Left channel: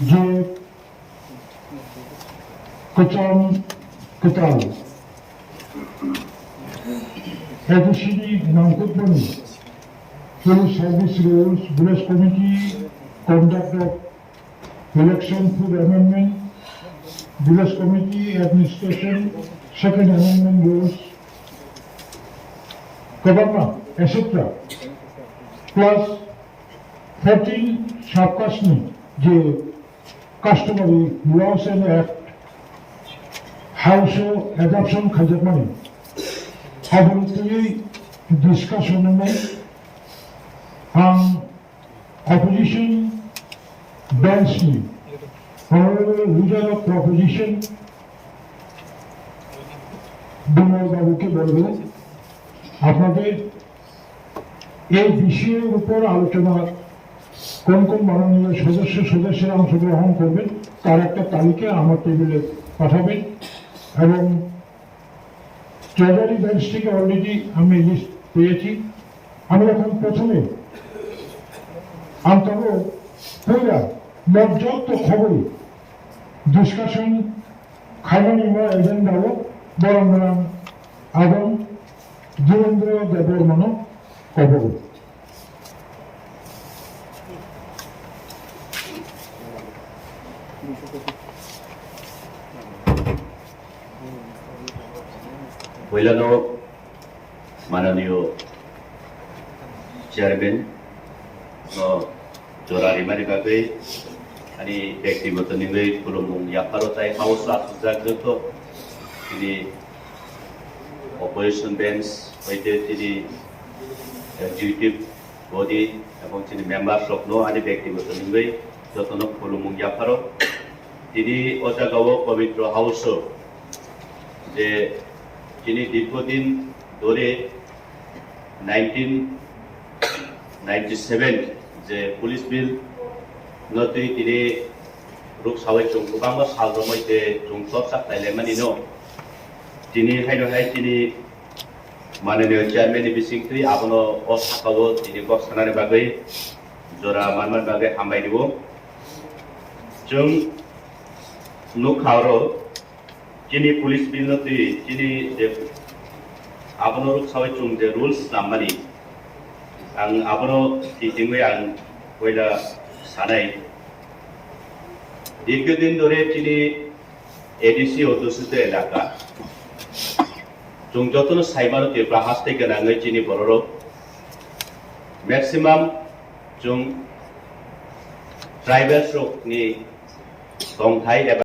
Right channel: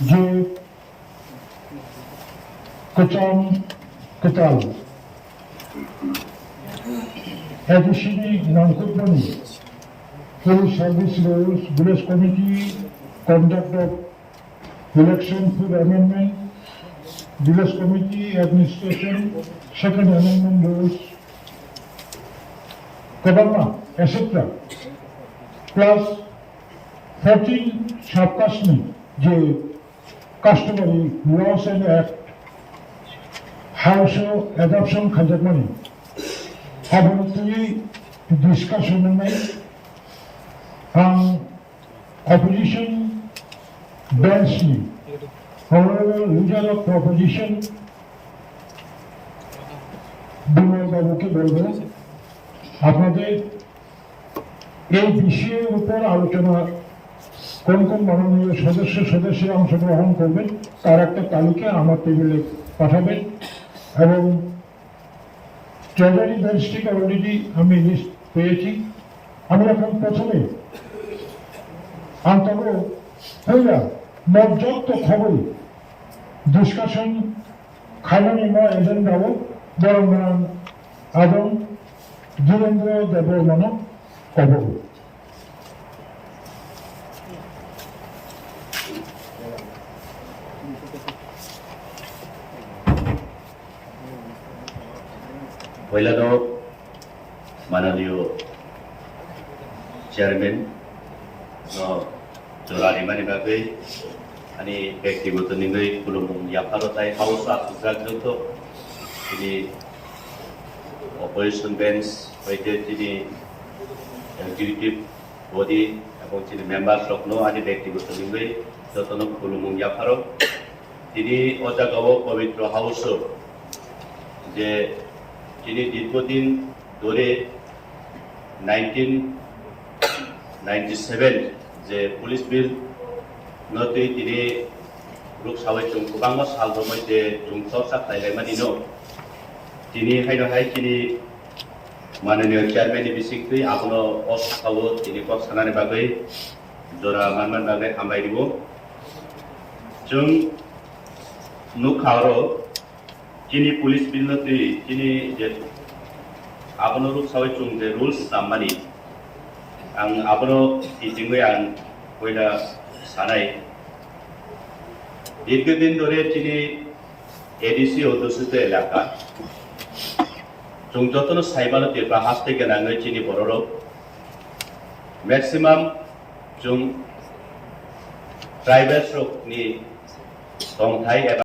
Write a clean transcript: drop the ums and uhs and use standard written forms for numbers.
যে Ketal additionally non-conforming police service rules, village committee, conduct of election food amendment, village committee administration, second amendment rules, Debbarma, etc. Plus 13 sub-customary, the customary laws and act, household adoption Customary. Apparently, discussion on opposition densely. However, leader of proposition, Dhirendra বাবুকে বলবো আপনাদের এই বিষয়ের উপর আলোচনা কোন কোন মাননীয় সদস্যরা অংশগ্রহণ করবেন তার একটা তালিকা আমার টেবিলে পাঠাবেন এবং ট্রেজারি বেঞ্চ থেকে অলরেডি আমি লিস্ট পেয়েছি। আমি এখন প্রথমে মর্যাপ্ত খবর ডিসকাশন খাইনিমা এজেন্ডাও বরং আদম ধীরেন্দ্র দেববর্মন কবর পয়লানো মাননীয় চেয়ারম্যান জোরারিমানি বাগै ani ব্যক্তিগত নিগৈ খুলুমুং ইয়াফারতাই হাউস আসুজাগজত তিনি অপারেশন বেঞ্চ হইতে তিনি এক্সিকিউটিভ বডি এবং তিনি মেম্বার স্বপ্ন আনি ব্যক্তিগত নিগৈ যতন খুলুমুং ইয়াফারক তিনি অজাগাও পবিত্র হাউস যে তিনি দীর্ঘদিন ধরে 1997 যে পুলিশ বিল নতুই তিনি রূপ সাবাই চুংকুবাং সালর মধ্যে চুংসব সাকলাইলাইমানিনো তিনি হাইনহাই তিনি মাননীয় চেয়ারম্যান বিসিংথৈ আবনো অ সাকাও তিনি গসানানি বাগै জরা মানমান বাগै হামবাই দিব जों नुखारो তিনি পুলিশ বিল নতুই তিনি যে আবনো রূপ সাবাই চুং যে রুলস নামানি आं आबनो टिचिंगै आं कयला सानाय दीर्घदिन धरे তিনি एडीसी अध्यक्षित एलाका जों जतन साइबानो तेब्रा हास्ते गोनाङै তিনি बर'रक मैक्सिमाम जों ट्राइबेल्स रकनि दंथाय एबा